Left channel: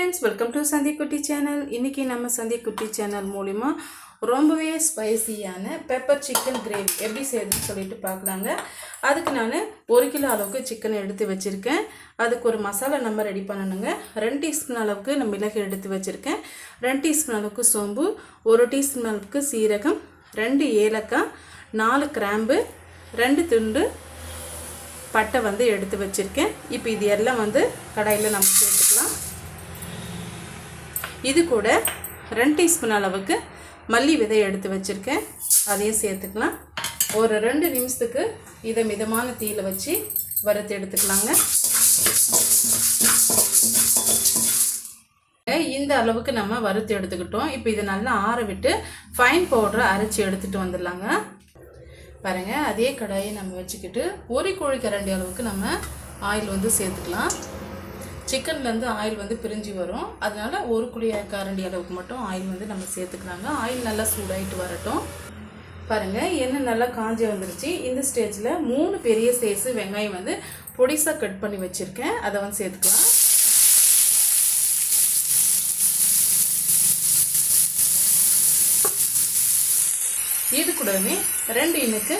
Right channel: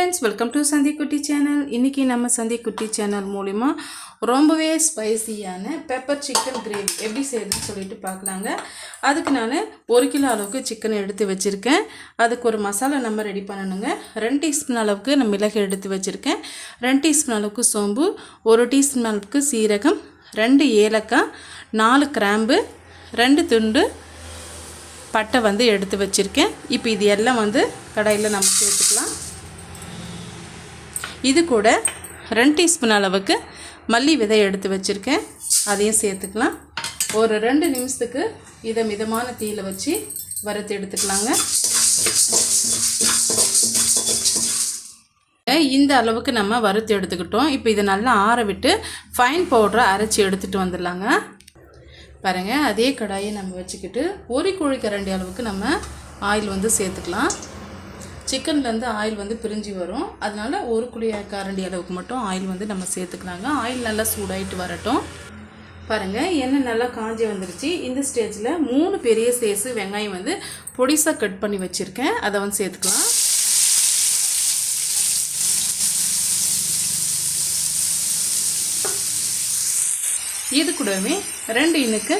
Friends, welcome to சந்தி குட்டி channel. இன்றைக்கி நம்ம சந்தி குட்டி சேனல் மூலிமா ரொம்பவே ஸ்பைசியான பெப்பர் சிக்கன் கிரேவி எப்படி செய்யறதுன்னு சொல்லிட்டு பார்க்கலாங்க. அதுக்கு நான் 1 கிலோ அளவுக்கு சிக்கன் எடுத்து வச்சுருக்கேன். அதுக்கு ஒரு மசாலா நம்ம ரெடி பண்ணணுங்க. 2 டீஸ்பூன் அளவுக்கு நான் மிளகு எடுத்து வச்சுருக்கேன். 2 டீஸ்பூன் அளவுக்கு சோம்பு, 1 டீஸ்பூன் அளவுக்கு சீரகம், 2 ஏலக்காய், 4 கிராம்பு, 2 துண்டு பட்டை எடுத்து வச்சுருக்கேன். இப்போ இது எல்லாம் கடாயில் நம்ம சேர்த்துக்கலாம். இது கூட 2 டீஸ்பூன் அளவுக்கு மல்லி விதை எடுத்து வச்சுருக்கேன். அதையும் சேர்த்துக்கலாம். ஒரு 2 நிமிஷத்துக்கு இதை மிதமான தீயில் வச்சு வறுத்து எடுத்துக்கலாங்க. இந்த அளவுக்கு நம்ம வறுத்து எடுத்துக்கிட்டோம். இப்போ இதை நல்லா ஆற விட்டு ஃபைன் பவுடரை அரைச்சி எடுத்துகிட்டு வந்துடலாங்க. பாருங்கள், அதே கடாயை நம்ம வச்சுக்கிட்டு 1 குழிக்கரண்டி அளவுக்கு நம்ம ஆயில் சேர்த்துக்கலாம். சிக்கன்லேருந்து ஆயில் பிரிஞ்சு வரும். அதனால் 1 குழிக்கரண்டி அளவுக்கு மட்டும் ஆயில் நம்ம சேர்த்துக்கலாங்க. ஆயில் நல்லா சூடாயிட்டு வரட்டும். பாருங்கள், எண்ணெய் நல்லா காஞ்சி வந்துருச்சு. இந்த ஸ்டேஜில் 3 பெரிய சைஸு வெங்காயம் பொடிசாக கட் பண்ணி வச்சுருக்கேன். அதை சேர்த்துக்கலாம். இது கூடவே 2 இனுக்கு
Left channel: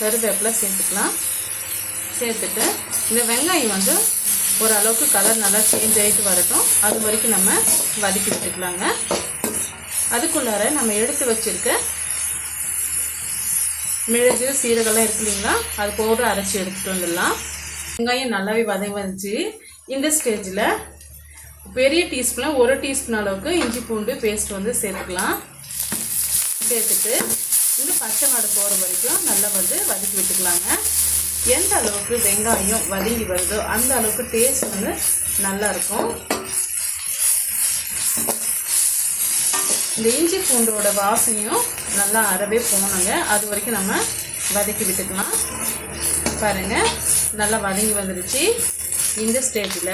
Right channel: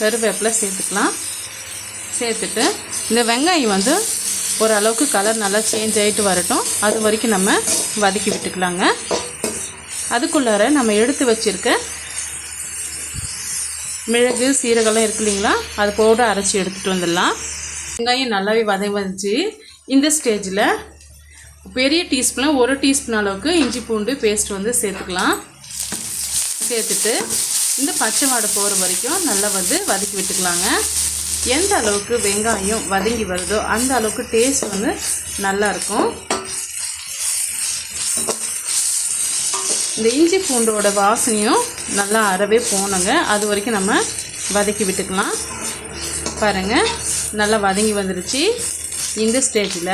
கருவேப்பிலை சேர்த்துக்கலாம். சேர்த்துட்டு இந்த வெங்காயம் ஓரளவுக்கு கலர் நல்லா சேஞ்ச் ஆகிட்டு வரட்டும். அது வரைக்கும் நம்ம வதக்கி விட்டுக்கலாங்க. அதுக்குள்ளார நம்ம எடுத்து வச்சுருக்க மிளகு சீரகம்லாம் இருக்கு இல்லைங்களா, அது பவுடர் அரைச்சி எடுத்துகிட்டு வந்துடலாம். வெங்காயம் நல்லாவே வதங்கி இந்த ஸ்டேஜில் பெரிய டீஸ்பூனில் 1 டீஸ்பூன் அளவுக்கு இஞ்சி பூண்டு பேஸ்ட் சேர்த்துக்கலாம். சேர்த்துட்டு இந்த பச்சை வாடை போகிற வரைக்கும் நல்லா வதக்கி விட்டுக்கலாங்க. எந்த அளவுக்கு வெங்காயம் வதங்கி வருதோ அந்த அளவுக்கு டேஸ்ட் நல்லா இருக்கும். இந்த இஞ்சி பூண்டோட வாசனையும் நல்லா அறவே போனங்க. அது வரைக்கும் நம்ம வதக்கி விட்டுக்கலாம். பாருங்கள், நல்லா வதங்கி வந்துருச்சு. இந்த ஸ்டேஜில்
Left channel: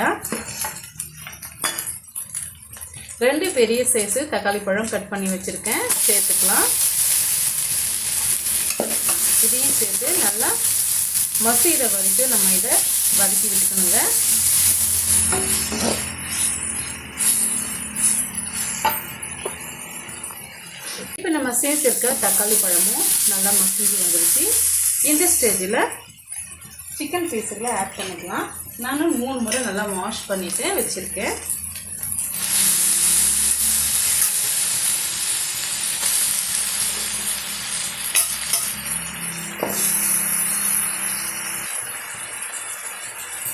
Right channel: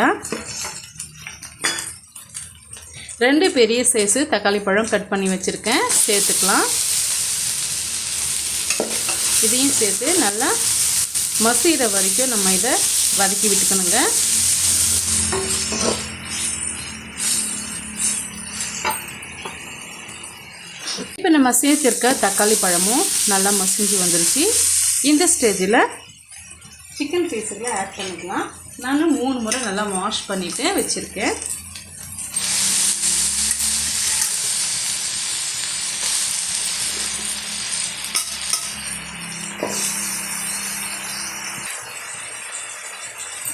2 பெரிய சைஸு தக்காளி பழம் கட் பண்ணி வச்சுருக்கேன். சேர்த்துக்கலாம். இதையும் சேர்த்து நல்லா மசிகிற வரைக்கும் நம்ம இதை வதக்கி விட்டுக்கணுங்க. இப்போ நம்ம சேர்த்துருக்க தக்காளி பழமும் நல்லா மசிஞ்சு வந்துருச்சு. இந்த ஸ்டேஜில் சிக்கன் பீஸுகளை ஆட் பண்ணிக்கலாம். நான் 3 முறை நல்லா வாஷ் பண்ணிவிட்டு வச்சுருக்கேன்.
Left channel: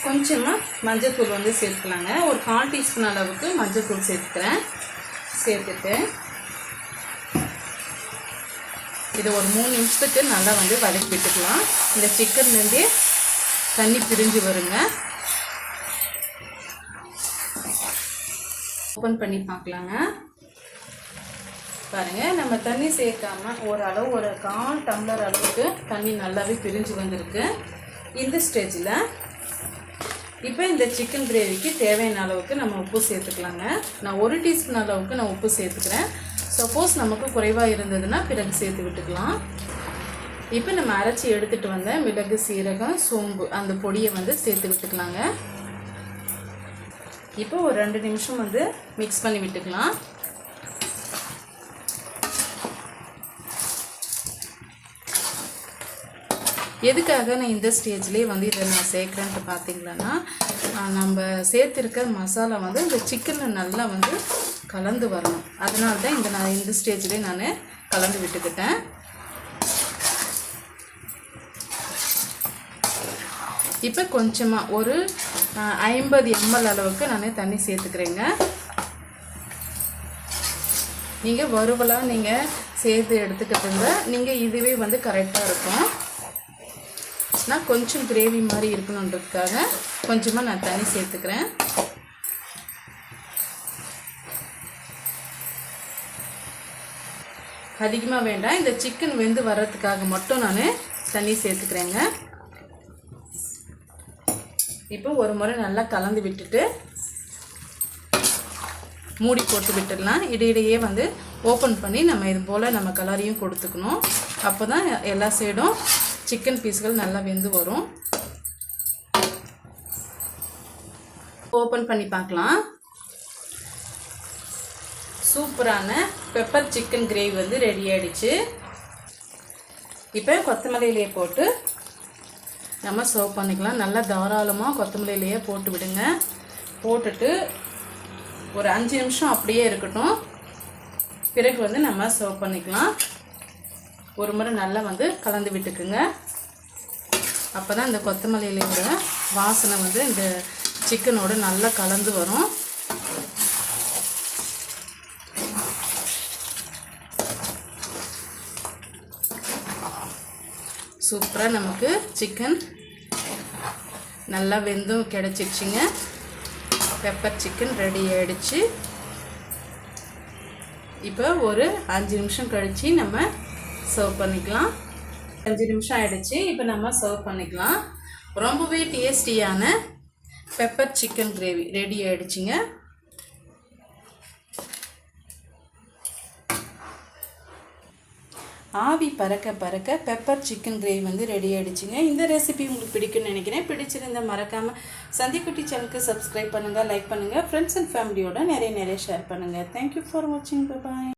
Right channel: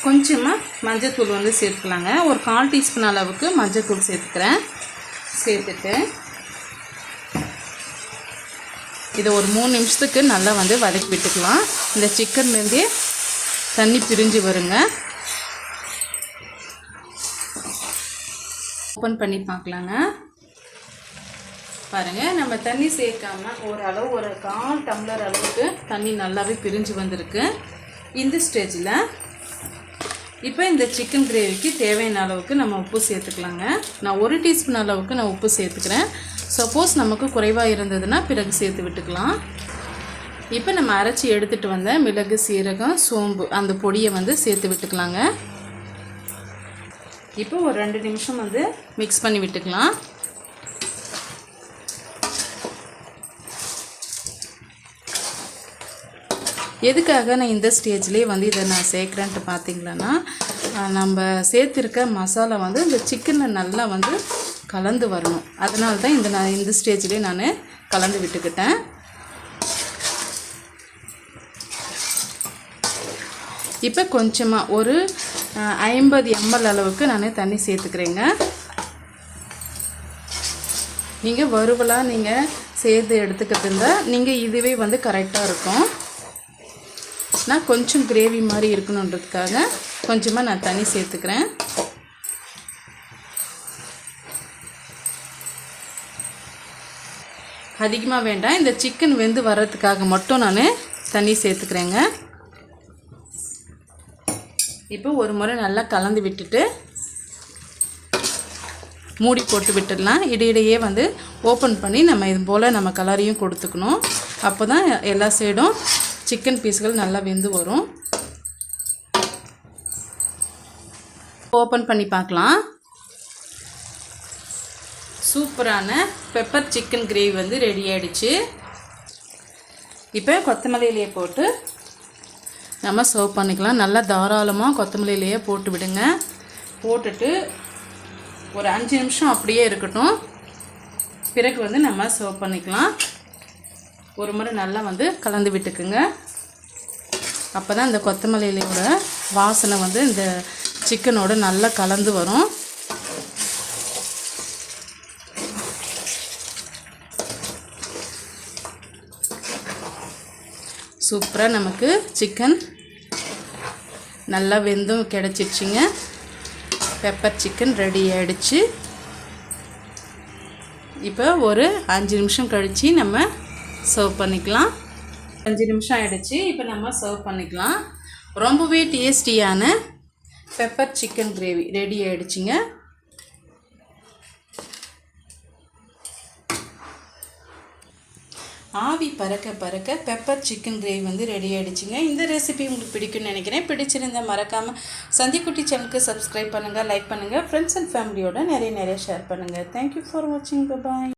கொஞ்சமாக மஞ்சத்தூள் சேர்த்துக்கலாங்க. ஒரு 1/4 டீஸ்பூன் அளவுக்கு மஞ்சத்தூள் சேர்த்துக்கிறேன். சேர்த்துட்டு இதை ஒரு 3 நிமிஷத்துக்கு நல்லா வதக்கி விட்டுக்கலாம். இந்த சிக்கன்லேருந்தே தண்ணி பிரிஞ்சு வருங்க. ஓப்பன் பண்ணி பார்க்கலாங்க. பாருங்கள், நம்ம தண்ணி சேர்க்காம ஒரு 1/4 டம்ளர் அளவுக்கு தண்ணி நல்லாவே பிரிஞ்சு வந்திருக்கு. இந்த ஸ்டேஜில் இப்போ இந்த சிக்கன் கிரேவிக்கு தேவையான அளவுக்கு நம்ம உப்பு சேர்த்துக்கலாங்க. நான் 1 டீஸ்பூன் அளவுக்கு நான் உப்பு சேர்த்துக்கிறேன். சப்போஸ் நமக்கு குறைவாக இருந்ததுன்னா பிறகு சேர்த்து விட்டுக்கலாம். இப்போ நம்ம அரைச்சி எடுத்துகிட்டு வந்த மிளகு சீரகம் சோம்பு அந்த பொடியை சேர்த்து விட்டுக்கலாங்க. இப்போ ஒரு 2 நிமிஷம் மிக்ஸ் பண்ணி விட்டுக்கலாம். எதுக்காக நான் இந்த ஸ்டேஜ்லேயே இதை நான் சேர்க்குறேன்ட்டு பார்த்தீங்களன்னா, நம்ம சேர்த்துருக்க மசாலா இந்த சிக்கனில் நல்லா கலந்து வரணும். அதனால தான் நான் இந்த ஸ்டேஜ்லேயே நான் கலந்து விட்டுக்கிட்டேன். இப்போ கொஞ்சமாக ஒரு 50 ml அளவுக்கு நான் தண்ணி சேர்த்துக்கிறேங்க. நீங்கள் வறுவலாக நீங்கள் சேர்த்து எடுத்துக்கிட்டு இருந்தால் நீங்கள் இதுவே கரெக்டாக இருக்கும். நான் கொஞ்சம் கிரேவி மாதிரி இருக்கணுன்றதுக்காக கொஞ்சமாக நான் தண்ணி சேர்த்துக்கிறேன். அதிகமாக வேண்டாம். இந்த சிக்கன் வெந்து வர்றதுக்காக மட்டும் நான் தண்ணி சேர்த்துக்கிறேங்க. இப்போ ஒரு முறை நல்லா கலந்து விட்டுட்டு மூடி போட்டு விட்டுடலாம். இடையிடையே ஓப்பன் பண்ணி நம்ம இது போல் நம்ம கலரையும் கொடுத்துக்கணும். அப்போ தான் எல்லா சைடும் சிக்கன் பீஸ்கள் நல்லா வெந்து வரும். ஓப்பன் பண்ணி பார்க்கலாம். சூப்பரான பெப்பர் சிக்கன் கிரேவி வந்து ரெடி ஆகிடுச்சு. இப்போ கொத்தமல்லியிலேயே போட்டு நம்ம சர்வ் பண்ணிக்கலாம். நல்லா தாராளமாக கொத்தமல்லியிலேயே போட்டு விடுங்க. போட்டுட்டு ஒரு 5 நிமிஷம் அப்படியே இருக்கட்டும். பிறகு வந்து நம்ம சர்வ் பண்ணிக்கலாம். ஒரு முறை நல்லா வந்து கலந்து விட்டுக்குங்க. அப்போ தான் இந்த கொத்தமல்லியிலோட வாசனை வந்து இந்த சிக்கனோட நல்லா கலந்து வரும். சூப்பராக நமக்கு சிக்கன் நல்லா வெந்தும் கிடச்சிடுச்சிங்க. பெப்பர் சிக்கன் ரெடி ஆகிடுச்சு. இப்போ ஒரு 5 நிமிஷம் கழித்து நம்ம சர்வ் பண்ணிக்கலாம். 5 நிமிஷம் ஆகிடுச்சு. இப்போ நம்ம சர்வ் பண்ணிக்கலாம். ரொம்பவே டேஸ்டியான பெப்பர் சிக்கன் கிரேவி ரெடி ஆகிடுச்சிங்க. ஆவி பறக்க பறக்க பெப்பர் சிக்கன் கிரேவி வந்து ரெடி ஆகிடுச்சிங்க. இந்த ரெசிபி உங்களுக்கு பிடிக்கும்னு நினைக்கிறேன். பிடிச்சிருந்தால் மறக்காமல் சந்திக்குட்டி சேனலுக்கு சப்ஸ்கிரைப் பண்ணுங்கள், லைக் பண்ணுங்கள், ஃப்ரெண்ட்ஸ் அண்ட் ஃபேமிலியோட நிறைய ஷேர் பண்ணுங்கள். தேங்க்யூ ஃபார் வாட்சிங். பாய்.